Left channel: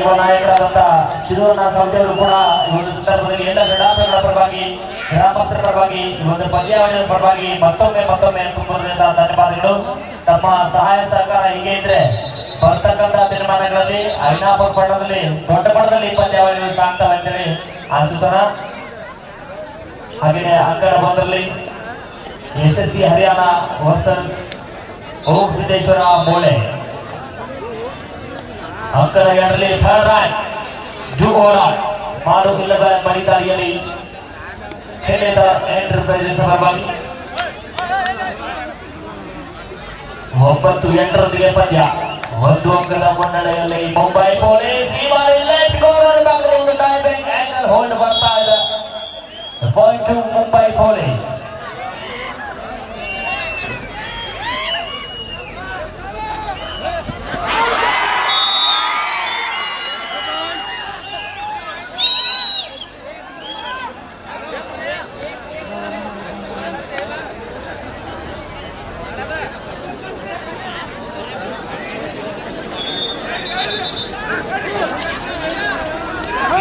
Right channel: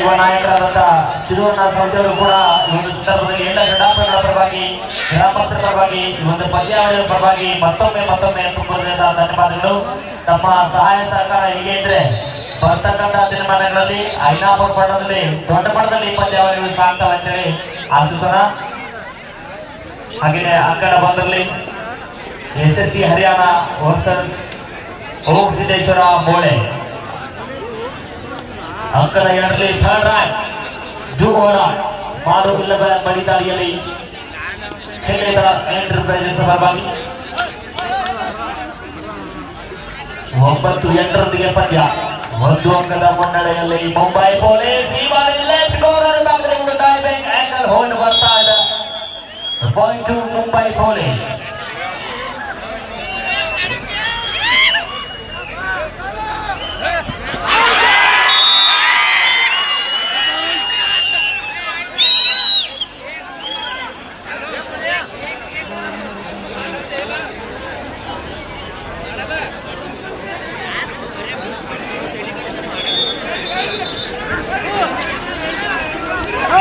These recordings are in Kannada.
ಯುವ ನಾಯಕರಾದಂತಹ ಶಿವಣ್ಣ ಸಂಜೆಯವರು ಕೂಡ ಈ ಒಂದು ಸಂದರ್ಭದಲ್ಲಿ ಎಲ್ಲ ಕ್ರೀಡಾಪಟುಗಳ ಪರವಾಗಿ ಗ್ರಾಮಸ್ಥರ ಪರವಾಗಿ ಈ ಒಂದು ಪಂದ್ಯಾವಳಿಯ ಪರವಾಗಿ ಮತ್ತೊಮ್ಮೆ ತುಂಬುವುದರಿಂದ ಧನ್ಯವಾದಗಳು. ತಮ್ಮ ಸಹಾಯ ಸಹಕಾರ ಹೀಗೆ ಇದ್ರೆ ಬರ್ತಕ್ಕಂಥ ದಿನಮಾನಗಳಲ್ಲಿ ಐನಾಪುರ ಪಟ್ಟಣದಲ್ಲಿ ದೊಡ್ಡ ಮಟ್ಟದಲ್ಲಿ ಪಂದ್ಯಾವಳಿಗಳು ಸಾಗ್ತವೆ ಅಂತೇಳಿ ಆಶಿಸೋಣ. ಹಾಗೆಯೇ ಅಂಕಣ ಬಂದಲ್ಲಿ SSC ಹರಿಯಾಣ ವರ್ಸಸ್ ಓಂ ಸಿದ್ದೇಶ್ವರ ಬೋಳೆ. ಅಂಕಣ 2ರಲ್ಲಿ ಥರ್ಡ್ ರ್ಯಾಂಕ್ ಜೂಗೋಡ ಮಾರುಗಿಲ್ಲದ ಬಲಿದಾರಿಯಲ್ಲಿ ಕ್ಷೇತ್ರ ಎಂಟರ್ಪ್ರೈಸಸ್ ಪರವಾಗಿ 9-8ರೊಂದಿಗೆ ಪಂದ್ಯ. 1 ಅಂಕದ ಮುನ್ನಡೆಯಲ್ಲಿ ಮುಂಬೈ ಪೊಲೀಸ್. ಈ ಬಾರಿ ಲೆಫ್ಟ್ ಕಾರ್ನರ್ ಭಾಗದಲ್ಲಿ ಡೈವಿಂಗ್ ಆಂಗಲ್ ಹೋಲ್ಡ್ ಬರ್ತಾ ಇದೆ. Point to Mumbai police.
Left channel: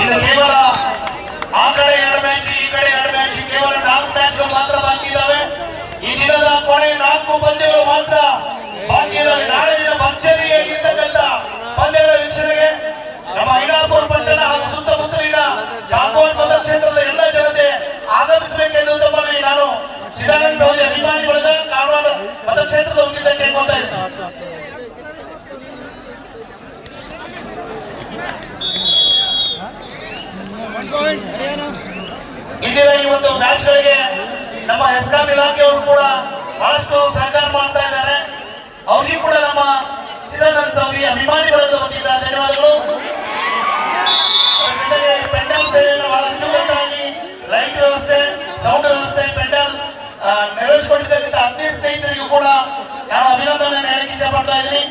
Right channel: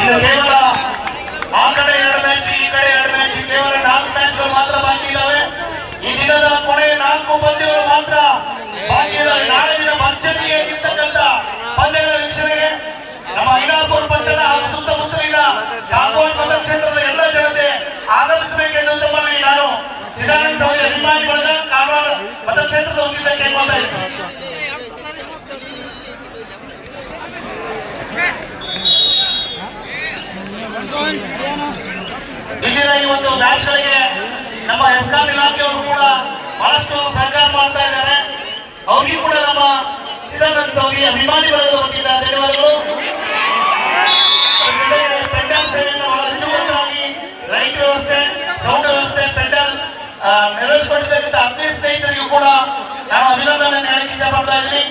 ಇದು ಕೇವಲ ಆ ಕಡೆ 2 ಮ್ಯಾಚ್ ಈ ಕಡೆ 2 ಮ್ಯಾಚ್, ಕೇವಲ 4 ಮ್ಯಾಚ್ಗಳು ಮಾತ್ರ ಬಾಕಿ ಇದ್ದಾವೆ. ಈ ದಿನದ ಕೊನೆ 4 ಪಂದ್ಯಗಳು ಮಾತ್ರ ಬಾಕಿ ಇದ್ದಾವೆ. ನಾಳೆ ದಿನ ಭರ್ಜರಿಗೆ ಇರ್ತಕ್ಕಂಥ ಪಂದ್ಯಗಳ ವೀಕ್ಷಣೆಗೆ ನಮ್ಮ ಐನಾಪುರ ಪಟ್ಟಣ ಹಾಗೂ ಸುತ್ತಮುತ್ತಲಿನ ಕಾಗೋಡು ಮತಕ್ಷೇತ್ರದ ಎಲ್ಲ ಜನತೆ ಆಗಮಿಸಬೇಕೆಂದು ತಮ್ಮಲ್ಲಿ ನಾನು ಚಿದಾನಂದ ಗೌರಿ ಅಭಿಮಾನಿ ಬಳಗ ಕಾರವಾರ ಮತಕ್ಷೇತ್ರದ ವತಿಯಿಂದ ಕೇಳ್ಕೊಳ್ತಾ ಇದ್ದೀನಿ. ಇಂದಿನ ಈ ಒಂದು ಮ್ಯಾಚ್ ಗಳಿಗೆ ನಮ್ಮ ಎಸ್ಕಾಂ ಇಲಾಖೆಯವರು ಕೂಡ ಬಹಳಷ್ಟು ಸಹಕಾರ ಮಾಡ್ತಾ ಇದ್ದಾರೆ. ಅವ್ರಿಗೂ ಕೂಡ ನಮ್ಮ ಚಿದಾನಂದ ಗೌರಿ ಅಭಿಮಾನಿ ಬಳಗದ ವತಿಯಿಂದ ಧನ್ಯವಾದಗಳು. ಜೊತೆಗೆ ಪೆಂಡಲ್ ಸೇವೆಯನ್ನು ಬಹಳ ಅಚ್ಚುಕಟ್ಟಾಗಿ ಲೈಟ್ ವ್ಯವಸ್ಥೆ, ಸೌಂಡ್ ವ್ಯವಸ್ಥೆ, ಪೆಂಡಲ್ ನೆರವೇರಿಸಿಕೊಟ್ಟಿರ್ತಕ್ಕಂಥ ಅತಿ ಸ್ನೇಹಿತರಿಗೂ ಕೂಡ ನಾನು ಅಭಿನಂದನೆ ಹೇಳಕ್ಕೆ ಇಚ್ಛೆ ಪಡ್ತಾ ಇದ್ದೀನಿ.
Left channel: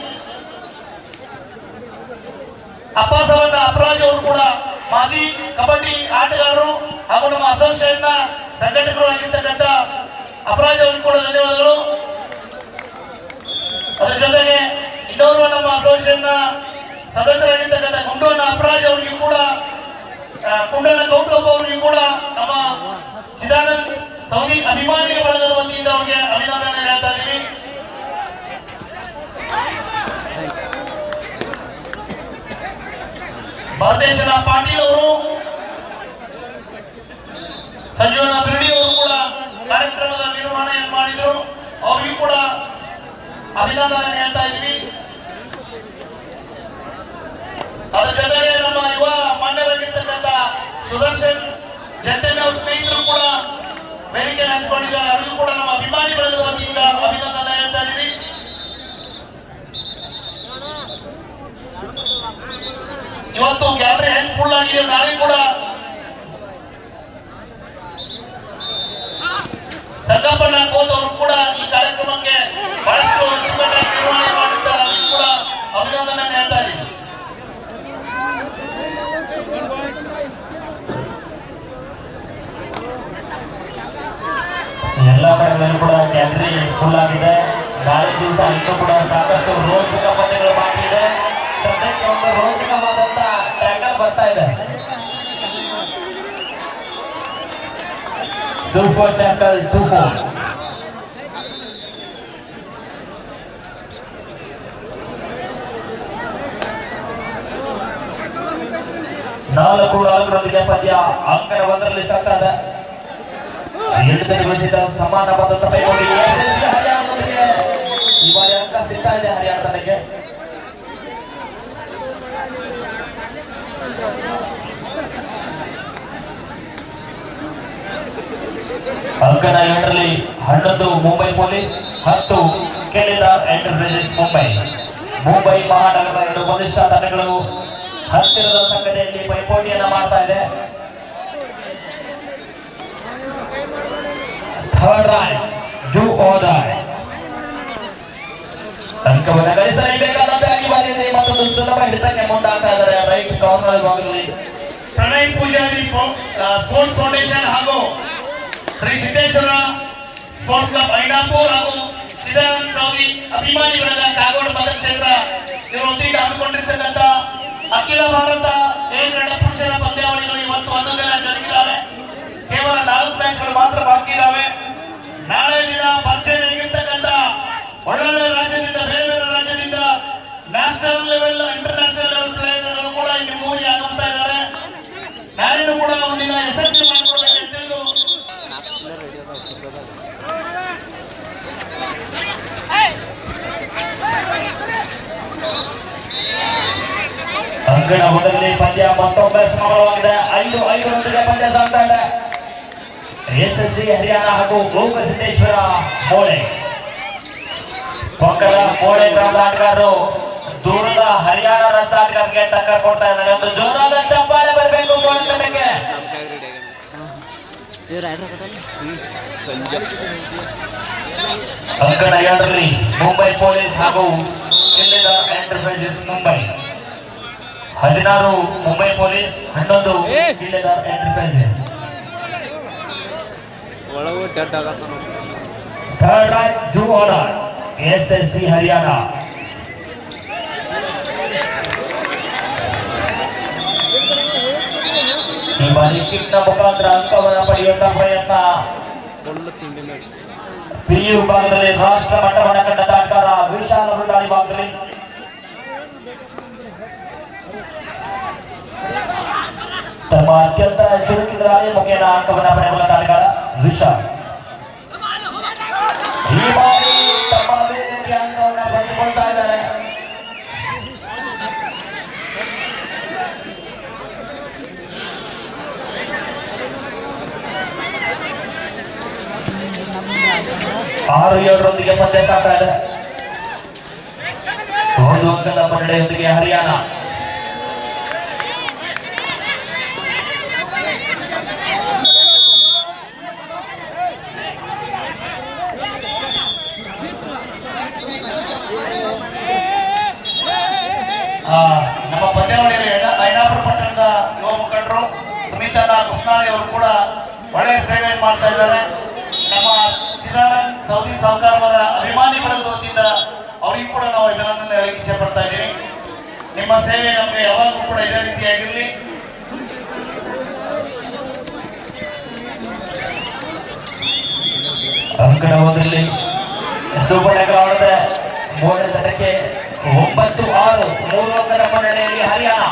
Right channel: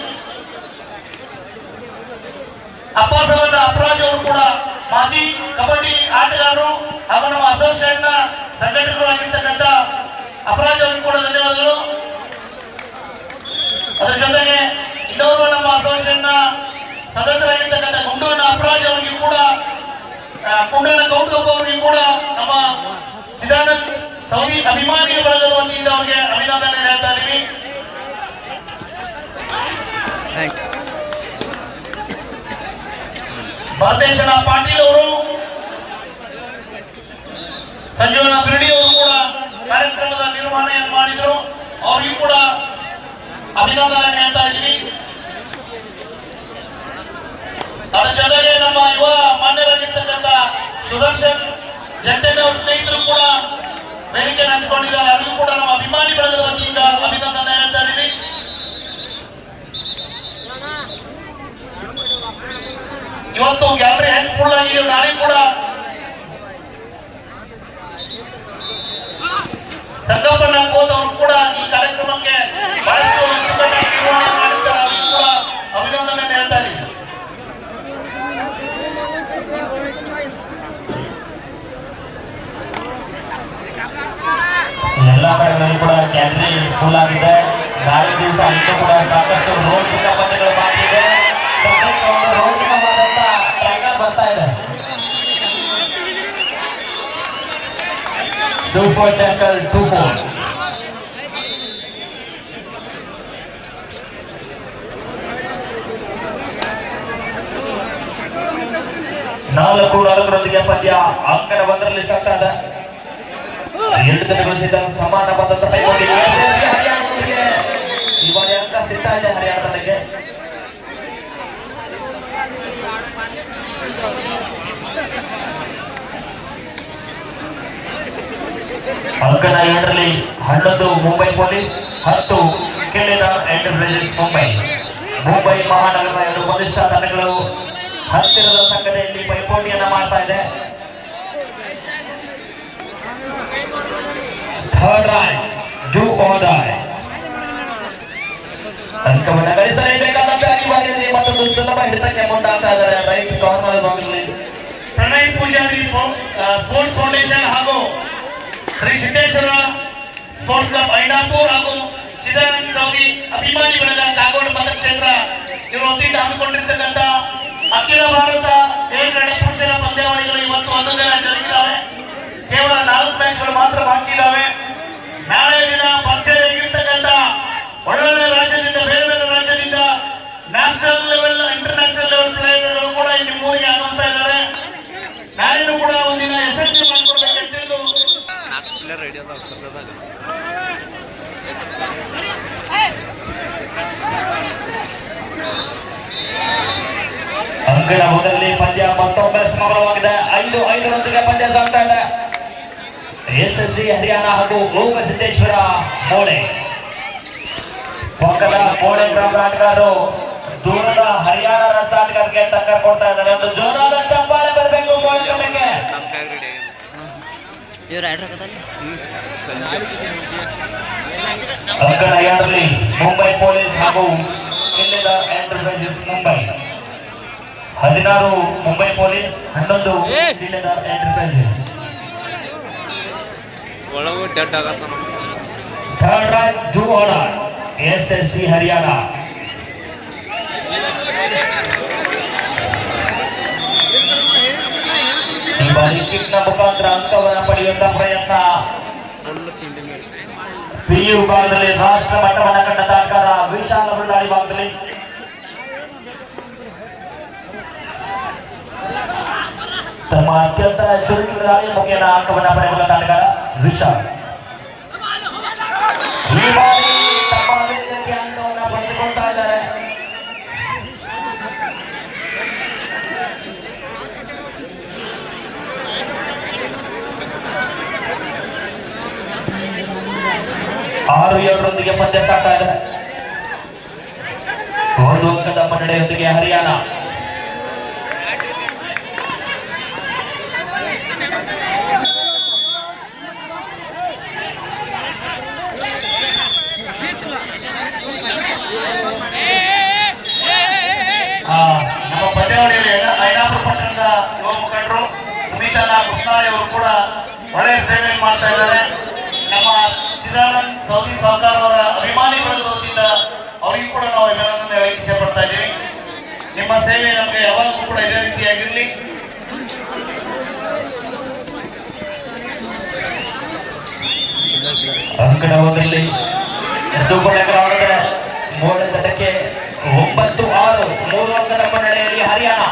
ಅಪ್ಪಾಸಾಹೇಬ ಅಪರಾಜ್ ಅವರು ಕೂಡ ಮಾಜಿ ಕಬಡ್ಡಿ ಆಟಗಾರರು ಹಾಗೂ ನಮ್ಮ ಅಸೋಸಿಯೇಷನ್ ನ ಸಂಘಟಕರು ಆಗಿರ್ತಕ್ಕಂಥ ಅಪರಾಜ್ ಅವರಿಗೆ ಕೂಡ ಧನ್ಯವಾದಗಳು. ಅದರ ಜೊತೆಗೆ ಇನ್ನೋರ್ವ ನಮ್ಮ ಅಸೋಸಿಯೇಷನ್ ನ ಸದಸ್ಯರಾಗಿರ್ತಕ್ಕಂಥ ಗುಂಡೂರಿನ ಅಪರಾಜ್ ಅವರಿಗೆ ಕೂಡ, ಕುಂಡನ ಗೌತಮ್ ಅವರಿಗೆ ಕೂಡ ನಮ್ಮ ಚಿದಾನಂದ ಸೌದಿ ಅಭಿಮಾನಿ ಬಳಗದ ವತಿಯಿಂದ ಅವರಿಗೆ ಅಭಿನಂದನೆ ಹೇಳ್ತಾ ಇದ್ದೀವಿ. ಭಾರತೇಶನ ಪಾಟೀಲ್ ಅವರು, ಸಂಜೀವನ ಬಿರ್ಡಿ ಅವರು ಕೂಡ ಕಾರ್ಯಕ್ರಮದ ನಿರ್ವಹಣೆಯನ್ನು ಮಾಡಿದರು. ಅವರಿಗೂ ಕೂಡ ಅಭಿನಂದನೆ ಹೇಳ್ತಾ ಇದ್ದೀವಿ. ಅದರ ಜೊತೆಗೆ ನಮ್ಮ ಯುವ ಮಾನ್ಯರಾಗಿರ್ತಕ್ಕಂಥ ಸುದರ್ಶನ್ ಜಂಟೆನ್ ಅವರ ಸ್ನೇಹಿತರು ಕೂಡ ವೇದಿಕೆ ಹಂಚಿಕೊಂಡಿದ್ದಾರೆ. ಅವರಿಗೂ ಕೂಡ ನಮ್ಮ ಅಭಿಮಾನಿ ಬಳಗದ ವತಿಯಿಂದ ಅಭಿನಂದನೆ ಹೇಳ್ತಾ ಇದ್ದೀವಿ. ಇವತ್ತು ಗ್ಯಾಲರಿ ಹೆಂಗ್ ಫುಲ್ ಆಗಿದೆ. ನಾಳೆ ಕೂಡ ಸಂಗಪ್ಪನ ಕೋದ್ ಅವರು ಕೂಡ ಈ ಕಾರ್ಯಕ್ರಮಕ್ಕೆ ಬಹಳಷ್ಟು ಅಚ್ಚುಕಟ್ಟಾಗಿ ನಿರ್ವಹಣೆ ಮಾಡಿದ್ದಾರೆ. ಅವರಿಗೂ ಕೂಡ ಅಭಿನಂದನೆ ಹೇಳ್ತಾ ಇದ್ದೀವಿ. ಎಲ್ಲ ಕಡೆಗಳಲ್ಲಿ ಕೂಡ ಗ್ಯಾಲರಿ ಫುಲ್ ಆಗಿದೆ. ನಾಳೆ ದಿವಸ ಇನ್ನೂ ಕೂಡ ಸಾಕಷ್ಟು ರೋಚಕ ಪಂದ್ಯಗಳು ಬಾಕಿ ಇದೆ. ರೋಚಕವಾದಂತ ಟ್ರ್ಯಾಕರ್ ಬರ್ತಾ ಇದೆ. Super tracker 2-4. ನಾಲ್ಕರೊಂದಿಗೆ ಪಂದ್ಯ ಅಂಕಣ 1ರಲ್ಲಿ ಸಾಕಾದ 2 ಸಮಾನ ಬದ್ಧತೆ ಕೈಗೊಂಡಿದೆ. ಈ ಬಾರಿ ಅಂಕ ಸಿಗ್ತಾ ಇದೆ ಹರಿಯಾಣ ತಂಡಕ್ಕೆ. ಅಂಕಣ 7ರಲ್ಲಿ 11 ಮುಂಬೈ ಪೊಲೀಸ್, 10 ಕೆಲೆದಾಸ್ ಎಂಟರ್ಪ್ರೈಸಸ್ ಮುಂಬೈ. ಮುಂಬೈ ಮಹಾನಗರ 2 ಬಲಿಷ್ಠ ತಂಡಗಳು ಹತ್ತಿರದ ಸಂಘಟನೆಯಲ್ಲಿ ಪೈಪೋಟಿಯನ್ನ ಮಾಡ್ತಾ ಇದೆ. ಥರ್ಡ್ ರ್ಯಾಂಕ್ ಜೂ ಓಡಾಯ್ ಅಂಕವನ್ನು ಗಳಿಸಲೇಬೇಕಾದಂತೆ ಅನಿವಾರ್ಯತೆ ಮತ್ತೊಂದು ಸುಲಭ ಹಿಡಿತಕ್ಕೆ ಮುಂದಾಗ್ತಾ ಇದ್ದಾರೆ. ರೈಟ್ ಕಾರ್ನರ್ ಭಾಗದಲ್ಲಿ ಪ್ರಣಯ್ ಪೂಜಾರಿ ಸ್ಪೋರ್ಟ್ಸ್ ಫೌಂಡೇಶನ್ ಹಾಗೂ ಶ್ರೀ ಸಿದ್ದೇಶ್ವರ ಸ್ಪೋರ್ಟ್ಸ್ ಕ್ಲಬ್ ಐನಾಪುರ ಹಾಗೂ ಚಿದಾನಂದ ಸೌದಿ ಅಭಿಮಾನಿಗಳ ಕಾಗೋಡು ಮತಕ್ಷೇತ್ರ ಇವರ ವತಿಯಿಂದ ಹಮ್ಮಿಕೊಂಡಿರ್ತಕ್ಕಂಥ ಅಖಿಲ ಭಾರತ ಏಕರಣ ಪುರುಷರ ಪಂದ್ಯಾವಳಿಗಳು ಇವತ್ತು ಒಂದೊಂದೆಲ್ಲ ಜರುಗಿದ್ದಾವೆ. ಕೇವಲ 4 ಮ್ಯಾಚ್ಗಳು ಮಾತ್ರ ಬಾಕಿ ಇದ್ದಾವೆ. ನಾಳೆ ದಿನ ಪರಿಚಯದಲ್ಲಿರ್ತಕ್ಕಂಥ ಒಳ್ಳೊಳ್ಳೆ ರಾಜ್ಯದಿಂದ, ಬೇರೆ ಬೇರೆ ರಾಜ್ಯದಿಂದ ನ್ಯಾಷನಲ್ ಲೆವೆಲ್, ಇಂಟರ್ನ್ಯಾಷನಲ್ ಲೆವೆಲ್ ಪ್ಲೇಯರ್ಗಳು ಕೂಡ ನಿಮ್ಮ ಊರಿಗೆ ಆಗಮಿಸ್ತಾ ಇದ್ದಾರೆ. ನಾಳೆನೂ ಕೂಡ ಒಂದಿನ ಯಶಸ್ವಿ ಮಾಡಿಕೊಡ್ಬೇಕಂತ ಅಂಕಣ ಮೊದಲನೇ ಪಂದ್ಯ ಮತ್ತೊಮ್ಮೆ ಸಮರವಾಗಿದೆ. 5-5 ಪಂದ್ಯ ಸಾಗ್ತಾ ಇದೆ. ಎಸ್ಎಸ್ಸಿ ಹರಿಯಾಣ ಹಾಗೂ ಗೋಕಸಿದ್ದೇಶ್ವರ ಮೋಳೆ ಪಕ್ಕದ ಮೋಳೆ ಆಟಗಾರರು ದೂರದ ಹರಿಯಾಣ ರಸಾಟಗಾರರಿಗೆ ಟಕ್ಕರ್ ಕೊಡ್ತಾ ಇದ್ದಾರೆ. ಒಂದು ಜೋರಾದ ಚಪ್ಪಾಳೆ ಬರಬೇಕು ಗೋಲ್ಕಟ್ಟಕ್ಕೆ. ಅಂಕಣ 2ರಲ್ಲಿ ಮುಂಬೈ ಪೊಲೀಸ್ ಹಾಗೂ ಜಿಲ್ಲೆದ ಎಂಟರ್ಪ್ರೈಸಸ್ ಮುಂಬೈ. 16 ಮುಂಬೈ ಪೊಲೀಸ್, 11 ಜಿಲ್ಲೆದ ಎಂಟರ್ಪ್ರೈಸಸ್. ಥರ್ಡ್ ರೈಟ್ ಜೂವಾಡ ಎಸ್ಎಸ್ಸಿ ಹರಿಯಾಣ. ಈ ಬಾರಿ ಕಿಕ್ನ ಮುಖಾಂತರ ಅಂಕವನ್ನು ಪಡೆಯುವಂತಹ ಪ್ರಯತ್ನ. ಪಿಯು ವಿಭಾಗದಲ್ಲಿ ರಾಷ್ಟ್ರ ಮಟ್ಟವನ್ನು ಕಂಡ ಆಟಗಾರ ವಿಶಾಲ ಬಳ್ಳಾರಿ ಭಾಗದಲ್ಲಿ ತಮ್ಮ ಅತ್ಯಂತ ಚುರುಕಿನ ಮುಖೇನ ಅಂಕವನ್ನು ಪಡೆಯುವಂತಹ ಆಟಗಾರ ವಿಶಾಲ್. ಈ ಬಾರಿ ತಮ್ಮ ವೇದಿಕೆ ಅಂಕವನ್ನು ಪಡೆದುಕೊಳ್ತಾ ಇದ್ದಾರೆ. ಆರು 7ರೊಂದಿಗೆ ಪಂದ್ಯ ಸಾಗ್ತಾ ಇದೆ. 1 ಅಂಕದ ಮುನ್ನಡೆಯೊಂದಿಗೆ ಹರಿಯಾಣ. ನಮ್ಮ ಪಂದ್ಯಾವಳಿಯಲ್ಲಿ ಐನಾಪುರ ಪಟ್ಟಣದ ಯುವ ಮುಖಂಡರು ಸುನೀತಾ ಕೃಷ್ಣಾರಿ ಅವರು ಕೂಡ ಒಳ್ಳೆಯ ಸೇವೆ ಮಾಡ್ತಾ ಇದ್ದಾರೆ. ನಮ್ಮ ಚಿದಾನಂದ್ ಸೌದಿ ಸಾವುಕಾರ್ ಅವರ ಅಭಿಮಾನಿಗಳ ವತಿಯಿಂದ ಅವರಿಗೂ ಕೂಡ ನಾವು ಅಭಿನಂದನೆ ಇಚ್ಛೆ ಪಡ್ತಾ ಇದ್ದೀವಿ. ನಿಮ್ಮ ಸೇವೆ ನಮಗೆ ಯಾವಾಗಲೂ ಕೂಡ ಇದೇ ರೀತಿಯಾಗಿರಲಿ. ಅಂಕಣ 1ರಲ್ಲಿ ಸುಬ್ಬಣ್ಣಗೌಡರ ಮೋಳೆ ತಟಕ್ಕೆ 9-6 3 ಅಂಕದ ಮುನ್ನಡೆಯಲ್ಲಿ ಹರಿಯಾಣ.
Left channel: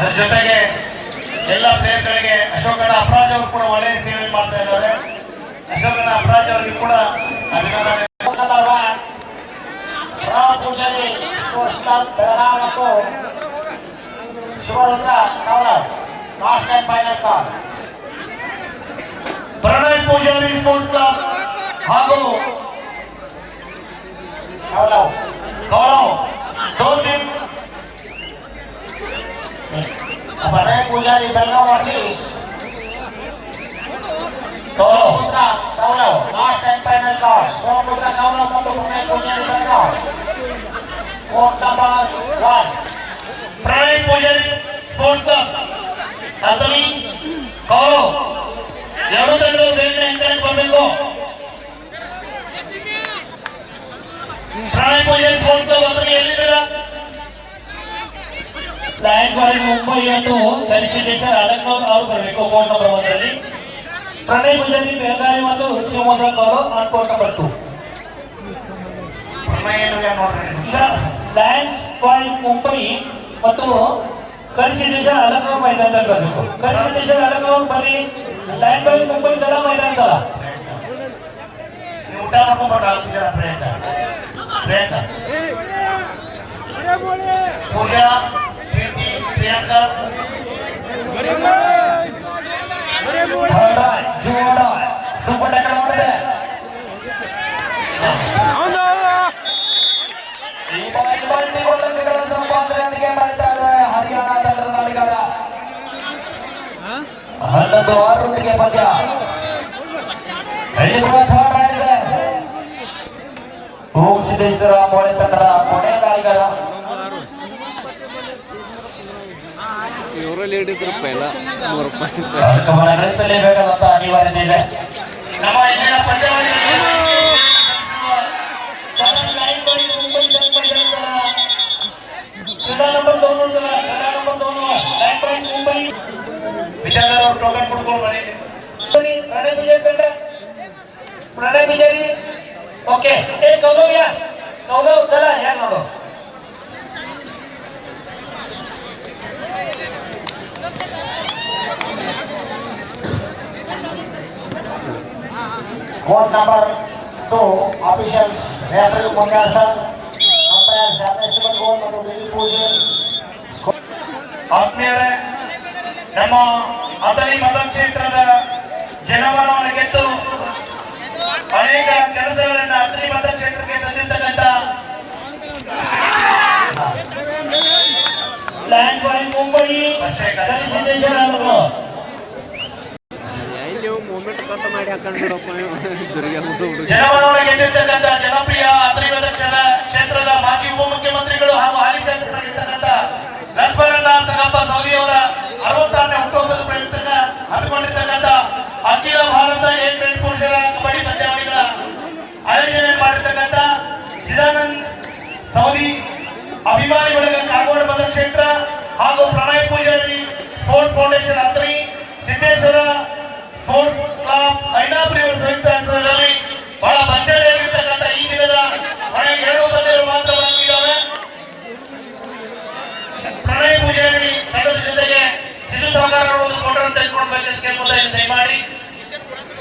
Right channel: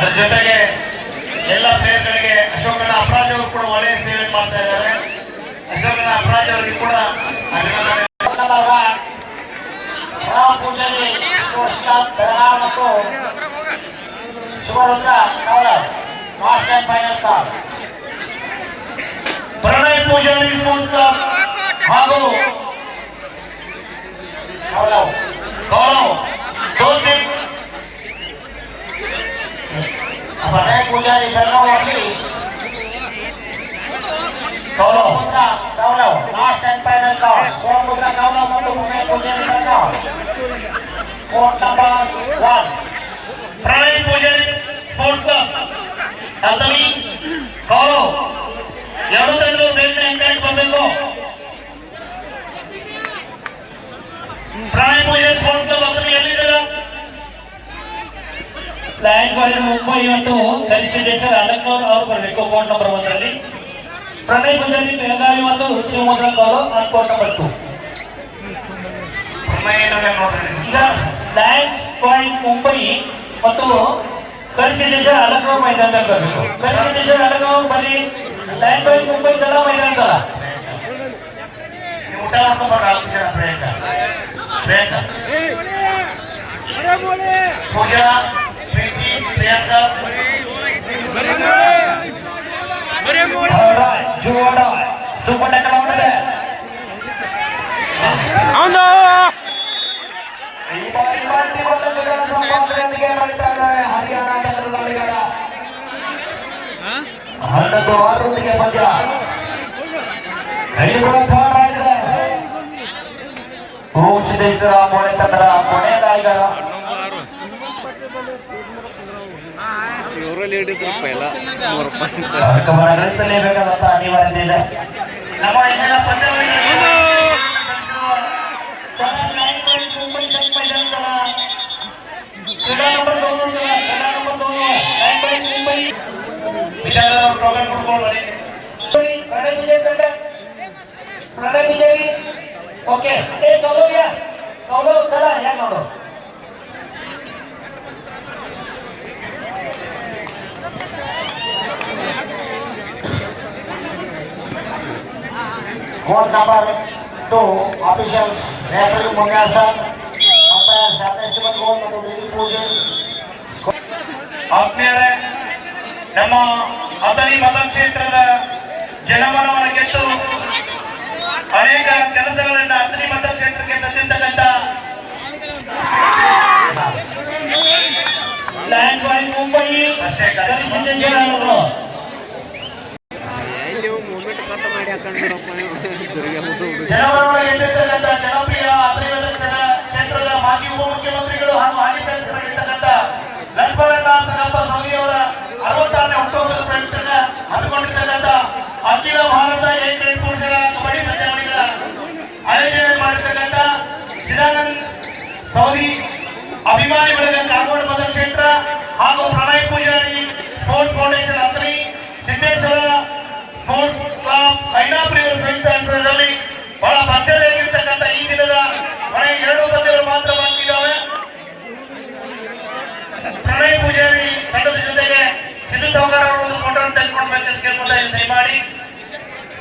ಅದರ ಜೊತೆಗೆ ಎಲ್ಲ ಪ್ಲೇಯರ್ಗಳಿಗೆ ಅಶೋಕನ ಅಪರಾಜ್ ಅವರು ಕೂಡ ಒಳ್ಳೆಯ ಸೇವೆ ಮಾಡ್ತಾ ಇದ್ದಾರೆ. ಅಶೋಕನ ಅಪರಾಜ್ ಅವರಿಗೆ ಕೂಡ ಅಭಿನಂದನೆ. ಮತ್ತು Shivarudra final call. Pranay Poojary sports club ಹಾಗೂ Pranay Pujari Belgaum office last and final call Sompura गावला मोटू प्रणय पुजारी बेलगाव कोर्ट नंबर 1 प्रणय पुजारी स्पोर्ट्स क्लब ಅದನಿ ಕಾಲು ಎರಡು ಬೇರೆ ಎಂಕರೇಜ್ ಮಾಡಬೇಕು. ಪ್ರಣಯ ಪೂಜಾರಿ ಸ್ಪೋರ್ಟ್ಸ್ ಕ್ಲಬ್ ಅದನಿ ಎಲ್ಲಿದ್ದೀರಾ? ಲಯನ್ ಬಾಯ್ ಮುಂಬೈ ಮತ್ತು ಕಲಿಸಿದ್ದೇಶ್ವರ ಅಲಕ್ನೌರ್ ಅವರು ಬರಬೇಕು ಕೋರ್ಟ್ ನಂಬರ್ 1ರಲ್ಲಿ. ಪ್ರಣಯ್ ಪೂಜಾರಿ ಬೆಳಗಾವಿ ಮತ್ತು ಶಿವಮೊಗ್ಗ ಅವರು ಕೋರ್ಟ್ ನಂಬರ್ 2. ಈಗ ಲಯನ್ಸ್ ಬಾಯ್ ಮುಂಬೈ ಮತ್ತು ಕಲಿಸಿದ್ದೇಶ್ವರ ಅಲಕ್ನೌರ್ ಮೈದಾನದಲ್ಲಿ ಬರಬೇಕು. ಕಲಿಸಿದ್ದೇಶ್ವರ ಅಲಕ್ನೌರ್ ಬನ್ನಿ. ಲಯನ್ ಬಾಯ್ ಮುಂಬೈ ಜಲ ಮೈದಾನದಲ್ಲ ಊಟ ಮಾಡ್ಕೊಂಡು ಪ್ರಿಯಾಂಕಾ ಪೂಜಾ ಪ್ರೀತಿ ಪ್ರಿಯಾಂಕಾ ಜೋಡ ಸೂಪರ್ ಟಕ್ಕರ್ ಹನ್ನೊಂದು 6 ಪಂದ್ಯ ಸಿದ್ದೇಶ್ವರ ಮೋಳೆ ತಂಡದ ಕೊನೆಯ ನಾಯಕರ ಗಳಿಸಲೇಬೇಕಾದಂತ ಅನಿವಾರ್ಯತೆ ಇದೆ. ನಮ್ಮ ಇಂದಿನ ಪಂದ್ಯಾವಳಿ पूजन करते प्रणय पुजारी ओके एक कौलो या कौलो चला या कौलो Board number 2 officials referee Mangasa umpire Sadeshwar Gold ಮತ್ತು ವಿಧಿ ಪೂಜೆ ಆತ್ಮೀಯರೇ ನಮ್ಮ ಅದರಿ ಮತಕ್ಷೇತ್ರದ ಜನಮನವನ್ನು ಗೆದ್ದು ಅನೇಕ ಕೆಲಸಗಳನ್ನು ಅದರಿ ಮತಕ್ಷೇತ್ರಕ್ಕೆ ತಂದಿದ್ದಕ್ಕಂಥ ಲಯನ್ಸ್ ಬಾಯ್ ಮುಂಬೈ ಜನಮನವನ್ನು ಗೆದ್ದಿರ್ತಕ್ಕಂಥ ಜನಪ್ರಿಯ ಅದರಿ ಕ್ಷೇತ್ರದ ಮಾಜಿ ಉಪಮುಖ್ಯಮಂತ್ರಿಗಳು ಹಾಗೂ ಹಾಲಿ ಶಾಸಕರಾಗಿರ್ತಕ್ಕಂಥ ಲಕ್ಷ್ಮಣನಾಥ ಸಂಗಪ್ಪ ಸವದಿ ಅವರ 66ನೇ ಹುಟ್ಟುಹಬ್ಬದ ಪ್ರಯುಕ್ತ ಹಮ್ಮಿಕೊಂಡಿರ್ತಕ್ಕಂಥ ಅಖಿಲ ಭಾರತ ಏಕೈಕ ಪುರುಷರ ಕಬಡ್ಡಿ ಪಂದ್ಯಾವಳಿಗಳ ಆಯೋಜನೆ ಮಾಡಿರ್ತಕ್ಕಂಥ ಚಿದಾನಂದ್ ಸವದಿ ಅಭಿಮಾನಿ ಬಳಗ ಕಾಗೋಡ ಮತಕ್ಷೇತ್ರ ಹಾಗೂ ಪ್ರಣಯ್ ಪೂಜಾರಿ ಸ್ಪೋರ್ಟ್ಸ್ ಫೌಂಡೇಶನ್ ಅದರಿ ಸಿದ್ದೇಶ್ವರ ಸ್ಪೋರ್ಟ್ಸ್ ಕ್ಲಬ್ ಐನಾಪುರಿ ಅವರ ಸಂಯುಕ್ತ ಆಶ್ರಯದಲ್ಲಿ ಬಹಳ ಭರ್ಜರಿಯಾಗಿರ್ತಕ್ಕಂಥ ಈ ದಿನದ ಮನೆಗೆ 2 ತಂದೆಗಳು ಮಾತ್ರ ಬಂದಿದ್ದಾವೆ. ಪ್ರಣಯ್ ಪೂಜಾರಿ ತಂಡದ ಜೊತೆಗೆ ಸಿದ್ದು ಸಾಗರ್ ಅವರು ಒಂದು ಫೋಟೋ ತೆಗೆದುಕೊಳ್ಬೇಕಂತ ಕೇಳ್ಕೊಳ್ತಾ ದಯಮಾಡಿ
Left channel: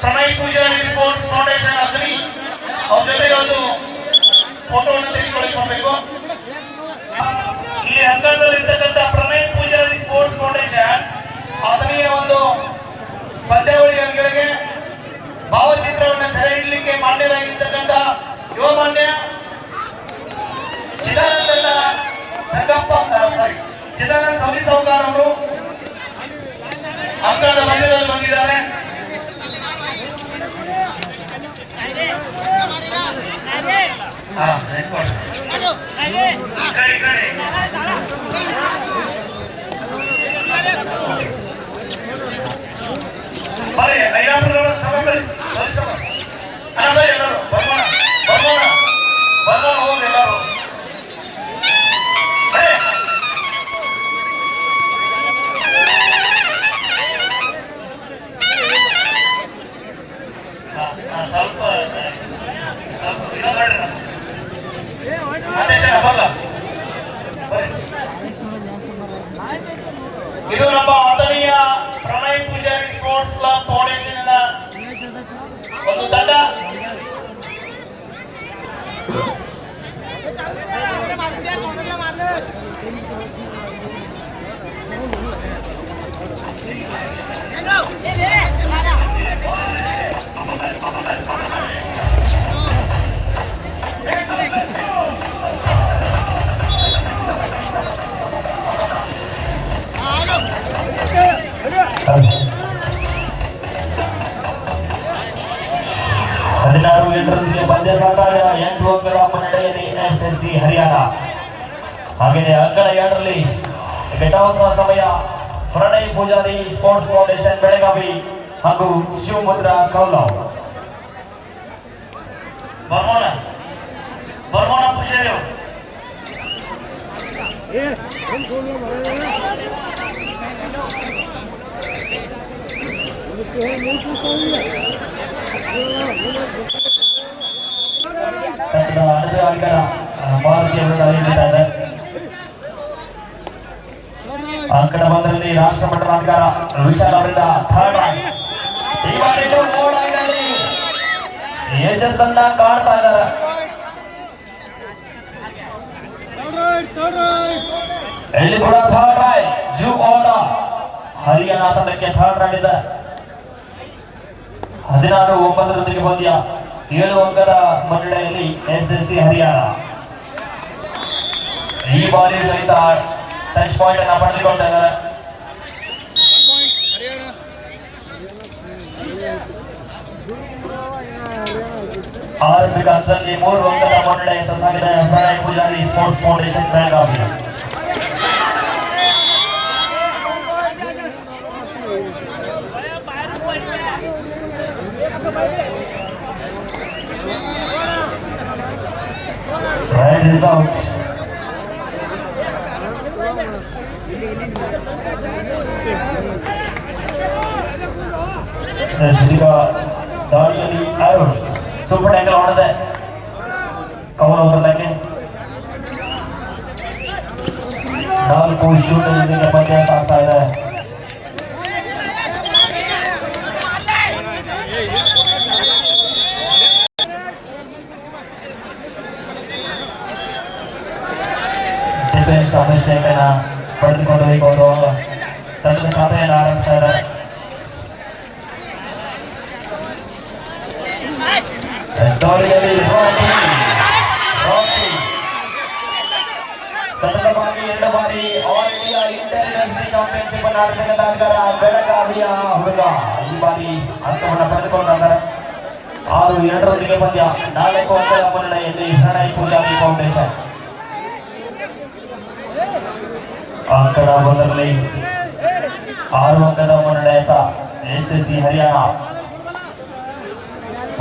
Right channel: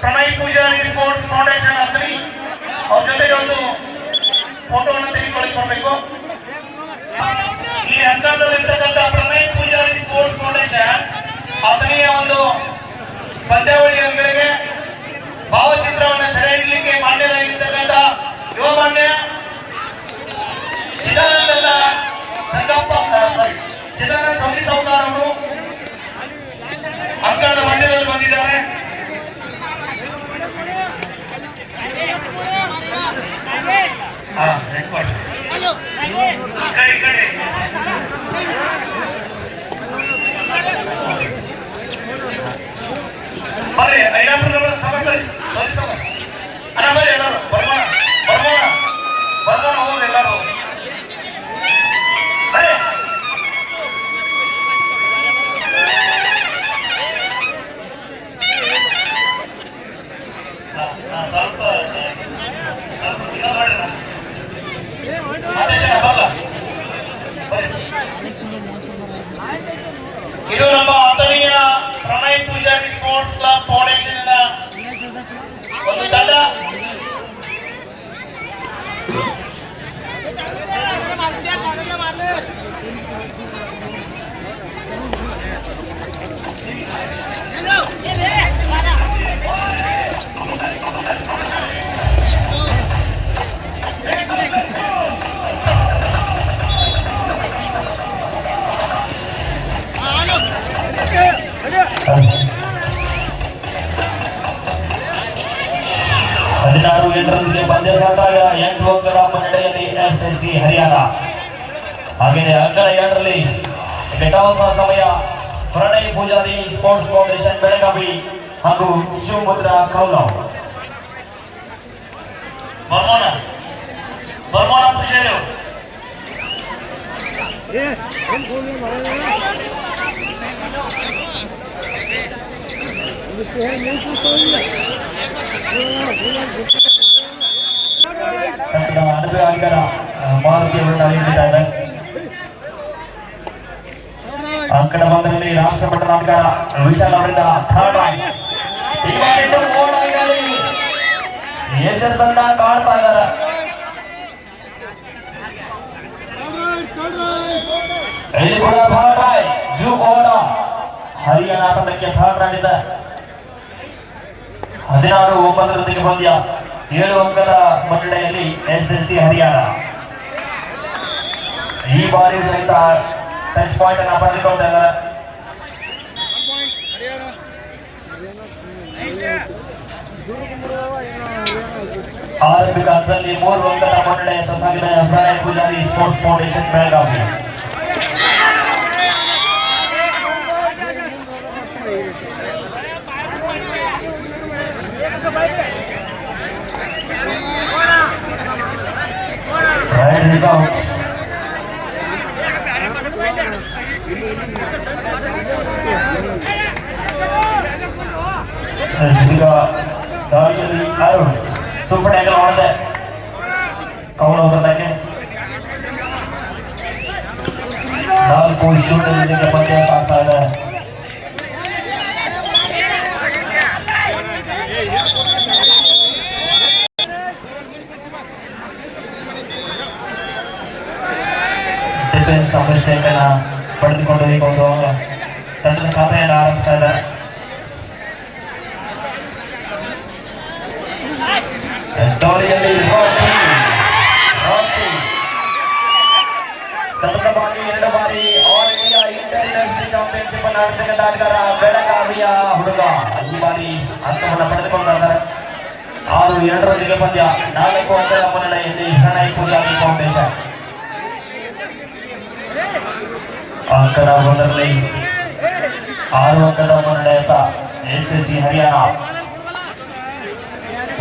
ಪ್ರಣಯ್ ಪೂಜಾರಿ ಸ್ಪೋರ್ಟ್ಸ್ ಫೌಂಡೇಶನ್ ಅದರಿ ಅವ್ರ ಜೊತೆಗೆ ಒಂದು ಫೋಟೋವನ್ನು ತೆಗೆದುಕೊಳ್ಳಬೇಕು. ಈ ಹಂತದಲ್ಲಿರ್ತಕ್ಕಂಥ ಪ್ರಣಯ್ ಪೂಜಾರಿ ಸ್ಪೋರ್ಟ್ಸ್ ಫೌಂಡೇಶನ್ ಅದರಿಯ ಒಂದು ಪಂದ್ಯಾವಳಿಗಳಿಗೆ ಭಾವಚಿತ್ರವನ್ನು ಸೆರೆ ಹಿಡಲಿಕ್ಕೆ ಮಾನ್ಯರಾಗಿರ್ತಕ್ಕಂಥ ಯುವ ಮಾನ್ಯ ಚಿದಾನಂದ ಸವದಿ ಸಾವುಕಾರ ಅವರು ಅಂಕಣದ ಮಧ್ಯದಲ್ಲಿ ಬಂದಿದ್ದಾರೆ. ಬರ್ರಿ ಐನಾಪುರ ಸಮಸ್ಯೆ ಬರ್ರಿ ಎಲ್ಲರೂ ಬರೋಣ ಹೋಗಿ ಎಲ್ಲರೂ ಸ್ವಲ್ಪ ಇದು ಮಾಡ್ರಿ ಆದೇಶ ಹೋಗ. ಇದು ನಮ್ಮ ಆದರಣೀಯ Pranay Poojary sports club foundation ಒಂದು ತಂಡ. ಪಂದ್ಯ ಸಾಕಾಗ 8 ಅಂಕಗಳ ಮುನ್ನಡೆಯಲ್ಲಿ ಎಸ್ಎಸ್ಸಿ ಹರಿಯಾಣ. ಹಾಗೆಯೇ ಅಂಕಣ 2ರಲ್ಲಿ ಬೆಟವಾಸ ಸಮಯ ಪ್ರಣಯ್ ಪೂಜಾರಿ ಸ್ಪೋರ್ಟ್ಸ್ ಫೌಂಡೇಶನ್ ಬೆಳಗಾವಿ ಹಾಗೂ ಶಿವಮುದ್ರಾ ಕೌಲಾವ್. ಬರ್ಮೋಣ ಪೂಜಾರಿ ಅಂಕಣ ಮೊದಲಲ್ಲಿ ರಾಷ್ಟ್ರಮಟ್ಟದ ಅಂಕಣ ವಿಶಾಲ್ ಅವರಿಂದ ಯಶಸ್ಸನ್ನ ಕಾಣ್ತಾ ಇದ್ದಾರೆ. ಇಲ್ಲಿ ಕೂಡ third ride zoo over Haryana ತಂಡಕ್ಕೆ ಥರ್ಡ್ ರೈಡ್ ಇದೆ. 16-9 ಪಂದ್ಯ 7 ಅಂಕದ ಮುನ್ನಡೆಯಲ್ಲಿ ಎಸ್ಎಸ್ಸಿ ಹರಿಯಾಣ. ಈ ಬಾರಿ ಸಹಿತ ಟಚ್ ಪಾಯಿಂಟ್ ಅನ್ನು ಪಡೆದುಕೊಂಡಿದ್ದಾರೆ. ಆರಂಭಿಕ ಹಂತದಲ್ಲಿ 3 ಅಂಕದ ಮುನ್ನಡೆಯನ್ನು ಸಾಗಿದ Pranay Poojary sports foundation Belagavi. Right is out. Jessica ದಾಳಿಯಲ್ಲಿ ಅರುಣ್ ಸೂಪರ್ ಟ್ಯಾಕಲ್ ಮಾಡಿದೆ ಅವನು ಬದಲಾಗಿ 4 ಶೂಟ್ ಜೊತೆಗೆ ಪಂದ್ಯ ಸಾಗ್ತಾ ಇದೆ. ಡಿಫೆನ್ಸ್ ಅಭಿಷೇಕನ ಪಡೆದುಕೊಂಡು ಈಗ ಅವರು ತಂಡದ ಕಾರ್ಯವನ್ನು ಆರಂಭಿಸ್ತಾ ಇದ್ದಾರೆ. ಸತತವಾಗಿ 2 ಬಾರಿ ಆಲ್ ಇಂಡಿಯಾ ಇಂಟರ್ನ್ಯಾಷನಲ್ ಚಾಂಪಿಯನ್ಶಿಪ್ ಅನ್ನು ಆಡ್ತಕ್ಕಂಥ ಆಟಗಾರ ಬೆಳಗಾವಿಯ ಹುಡುಗ ಈ ಬಾರಿ ಅಂಕವನ್ನು ಪಡೆದುಕೊಂಡಿದ್ದಾರೆ. 6-2 ಪಂದ್ಯ 4 ಅಂಕದ ಮುನ್ನಡೆಯಲ್ಲಿ ಶರಣೈ ಪೂಜಾರಿ ಫೌಂಡೇಶನ್ ಅಂಕದ ಮೊದಲಲ್ಲಿ 6 ಅಂಕದ ಮುನ್ನಡೆತ ಎಸ್ಎಸ್ಸಿ ಹರಿಯಾಣ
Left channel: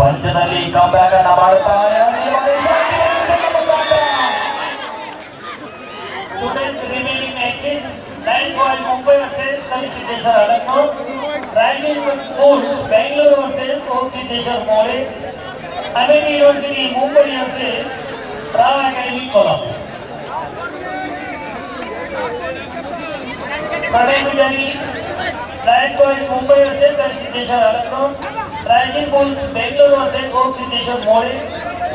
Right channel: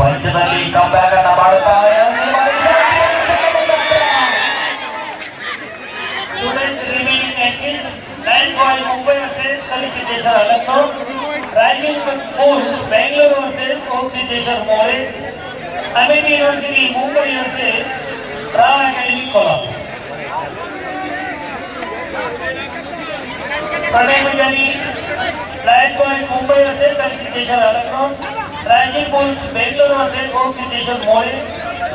ಪಂದ್ಯದಲ್ಲಿ ಕಮ್ಬ್ಯಾಕ್ ಅನ್ನು ಮಾಡುತ್ತಾರೆ. remaining matches, Lions Boy Mumbai versus Kali Siddheshwar Alakpur, Rising Bulls Bangalore versus Coach Siddheshwar More, Amity University Mumbai versus Ram Academy Kolhapur. Pradhan Pujani, Lions Boy Mumbai versus Kali Siddheshwar Alakpur, Rising Bulls Bangalore versus Coach Siddheshwar More,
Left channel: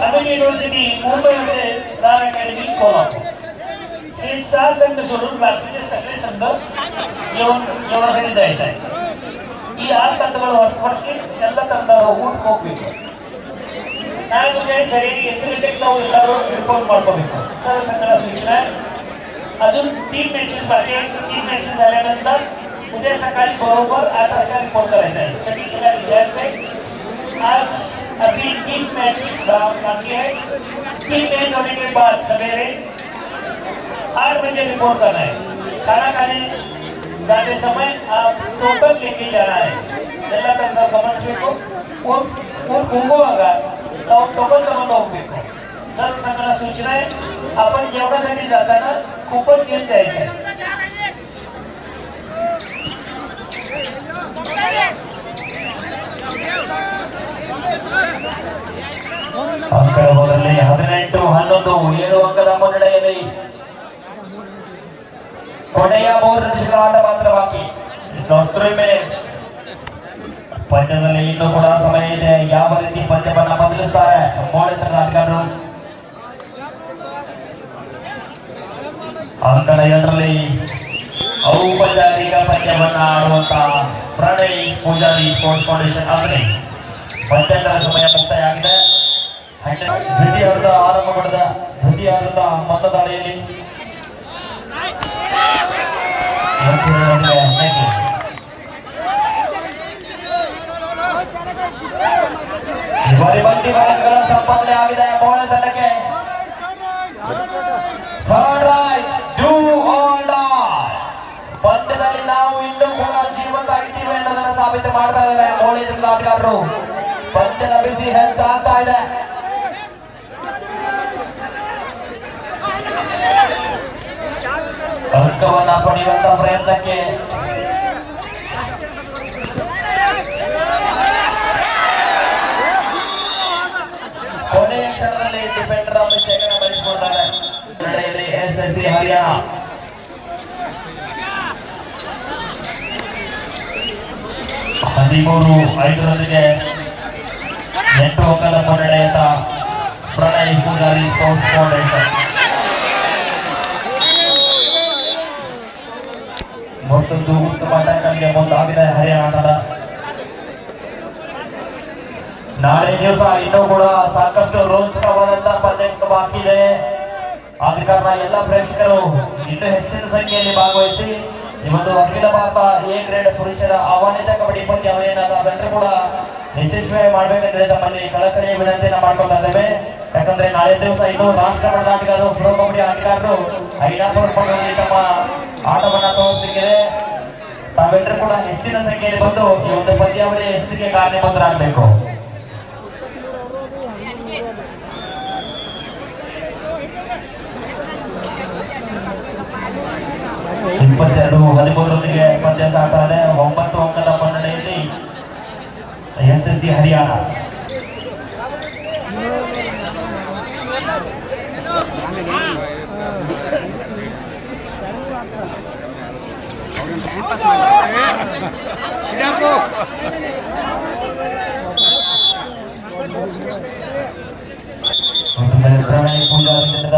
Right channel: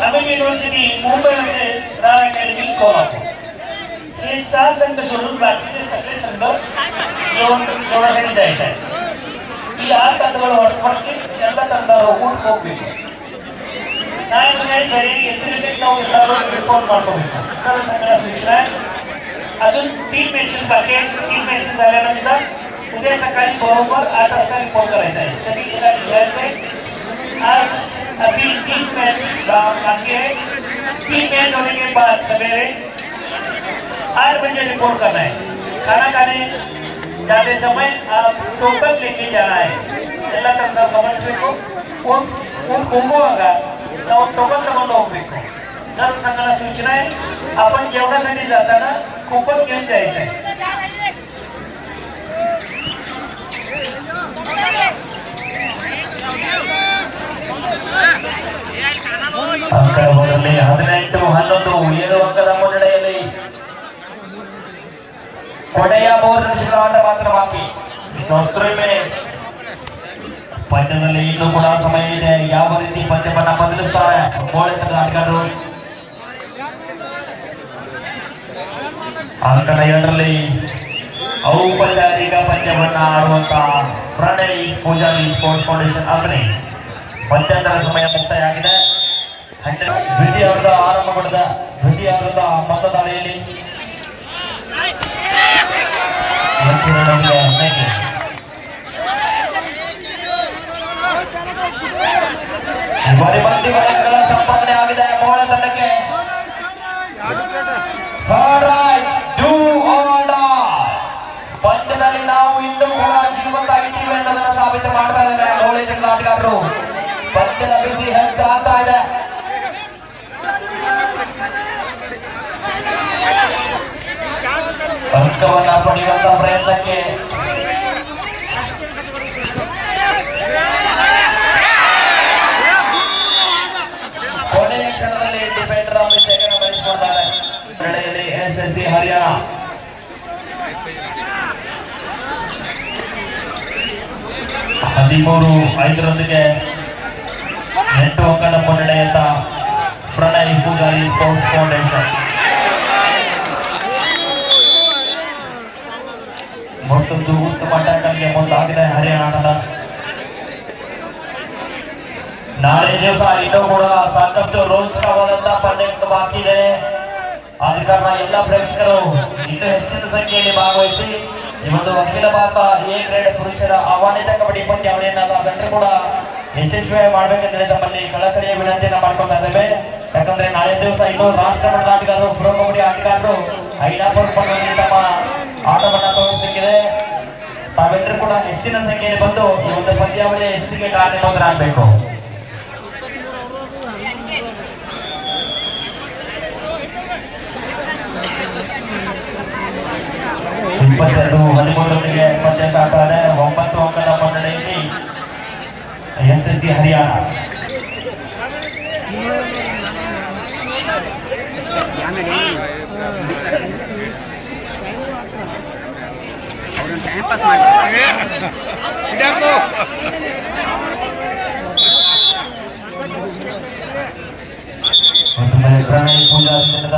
Amity University Mumbai versus Ram Academy Kolhapur. हे 6 संघ सोडून बाकीचे सगळे संघ जेवणासाठी जायचे आहेत. ಈ 6 ತಂಡಗಳು ಹೊರತುಪಡಿಸಿ ಎಲ್ಲ ತಂಡಗಳು ಊಟ ಹೋಗ್ಬೇಕು. ನಾಳೆ ಮುಂಜಾನೆ ಸರಿಯಾಗಿ 8 ಗಂಟೆಗೆ ನಾವು ಎಲ್ಲರೂ ರಿಪೋರ್ಟ್ ಮಾಡ್ಕೋಬೇಕು. सर्व संघाला सूचना अजून 3 मॅचेस बाकी आहेत. 3 मॅचेस झाल्यानंतर उद्या सकाळी बरोबर 8 वाजता रिपोर्ट करायचा आहे. सगळीकडे विद्यार्थी आज अभी 3 मैच बाकी है. 3 मैच होने के बाद सवेरे 8 बजे रिपोर्ट करना है. खाना खाने जाते समय आप टोटल लेके जाना है. ಎಲ್ಲ ತಂಡ ಗಮನಿಸಬೇಕು. ಹೋಗುವಾಗ ನಾವು ಟೋಟಲ್ ತಗೊಂಡು ಹೋಗ್ಬೇಕು. सर्व संघाला सूचना आहे आपण जेवणासाठी जाताना कुकर घेऊन जायचं आहे. ಅಂಕದ ಮೊದಲನೇ 18-11 7 ಅಂಕದ ಮುನ್ನಡೆಯಲ್ಲಿ ಕೊನೆಯ 3 ನಿಮಿಷಗಳ ಆಟ ಮಾತ್ರ ಬಾಕಿ. ಪಂದ್ಯದಲ್ಲಿ ಇನ್ನೂ ಕೂಡ ಸಮಯ ಇದೆ. ಯಾವ ರೀತಿ ಪಂದ್ಯವನ್ನ ಬದಲಿಸ್ತಾರೆ ಮೋಡಿತರ ಆಟಗಾರರು. ಅಂಕದ 2ರಲ್ಲಿ ಔಪಚಾರಿಕ ಪಂದ್ಯವನ್ನ ಆಡುವಂತಹ ಪ್ರಣಯ್ ಪೂಜಾರಿ ಸ್ಪೋರ್ಟ್ಸ್ ಫೌಂಡೇಶನ್ ಅಗ್ನಿ ಪಂದ್ಯದ ಸಮಯ ಮುಕ್ತಾಯ ಆಗಿದೆ. ದ್ವಿತೀಯ ಹಂತ ಆರಂಭಗೊಂಡಿದೆ. ದ್ವಿತೀಯ ಹಂತದ ಮತದಾರಿಯಲ್ಲಿ ಸಂಪಾದನೆ ಆಗಿದೆ ಮೋಡ ತಂಡಕ್ಕೆ. ಪಂದ್ಯದಲ್ಲಿ ನಾವು ಇನ್ನೂ ಕೂಡ ಜೀವಂತಾಗಿದ್ದೀವಿ ಅನ್ನೋದನ್ನು ಸಾಬೀತು ಮಾಡ್ತಾ ಇದ್ದಾರೆ ಮೋಳಿ ತಂಡದ ಆಟಗಾರರು. ಪಂದ್ಯದ ಬಿಸಿ ಹೆಚ್ಚಾಗ್ತಾ ಇದೆ. ಅಂಕವನ್ನ ಪಡೆಯುವಂತ ಪ್ರಯತ್ನಕ್ಕೆ ಕೊನೆಯ ಕ್ಷಣದಲ್ಲಿ ಡಿಫೆಂಡರ್ ಅಭಿಷೇಕನ ಗಳಿಸಿಕೊಂಡಿದ್ದಾರೆ. ಎಸ್ಎಸ್ಸಿ ಹರಿಯಾಣ 13-5 8 ಅಂಕದ ಮುನ್ನಡೆಯತ್ತ ಪ್ರಣಯ್ ಪೂಜಾರಿ ಸ್ಪೋರ್ಟ್ಸ್ ಫೌಂಡೇಶನ್. ಮತ್ತೊಂದು ಉತ್ತಮ ಟಕ್ಕಲ್ಗೆ ಮುಂದಾಗಿದೆ ಹರಿಯಾಣದ. ನಾಳೆ ದಿವಸ ಇನ್ನೂ ಕೂಡ ಸಾಕಷ್ಟು ರೋಚಕವಾದಂತಹ ಪಂದ್ಯಗಳು ಬಾಕಿ ಇದೆ. ಆದ ಕಾರಣ ಎಲ್ಲ ಪ್ರೇಕ್ಷಕರು ಇನ್ನೂ ಹೆಚ್ಚಿನ ಸಂಖ್ಯೆಯಲ್ಲಿ ಭಾಗವಹಿಸಿ ಈ ಒಂದು ಅಖಿಲ ಭಾರತ ಎ ಗ್ರೇಡ್ ಪುರುಷರ ಆಹ್ವಾನಿತ ಕಬಡ್ಡಿ ಪಂದ್ಯಾವಳಿಯನ್ನು ಅದನ್ನು ಕೂಡ ಯಶಸ್ವಿ ಮಾಡಬೇಕಂದ್ರೆ ತಮ್ಮಲ್ಲಿ ಕಳಕಳಿಯ ವಿನಂತಿಯನ್ನು ಮಾಡ್ಕೊತಾ ಇದ್ದೇವೆ. ಯಾಕಂದ್ರೆ ನಾಳೆ ದಿವಸ ಇನ್ನೂ ರಾಷ್ಟ್ರ ಮಟ್ಟದ ಆಟಗಾರರು ಪ್ರೊ ಕಬಡ್ಡಿ ಆಟಗಾರರು ಐನಾಪುರ ತಮ್ಮ ಆಟವನ್ನು ತೋರಿಸಲಿಕ್ಕಿದೆ. ತಾವೆಲ್ಲರೂ ಕೂಡ ಹೆಚ್ಚಿನ ಸಂಖ್ಯೆಯಲ್ಲಿ ಬಂದು ಈ ಒಂದು ಪಂದ್ಯಾವಳಿಯ ಹೆಚ್ಚಿಗೆ ಕಾರ್ಯನಿರತರಾಗಬೇಕು. 22-13 ಪಂದ್ಯ ಸಾಕ್ತಾರೆ. 9 ಅಂಕದ ಮುನ್ನಡೆಯಲ್ಲಿ ಎಸ್ಎಸ್ RCC हरियाणा। Untuk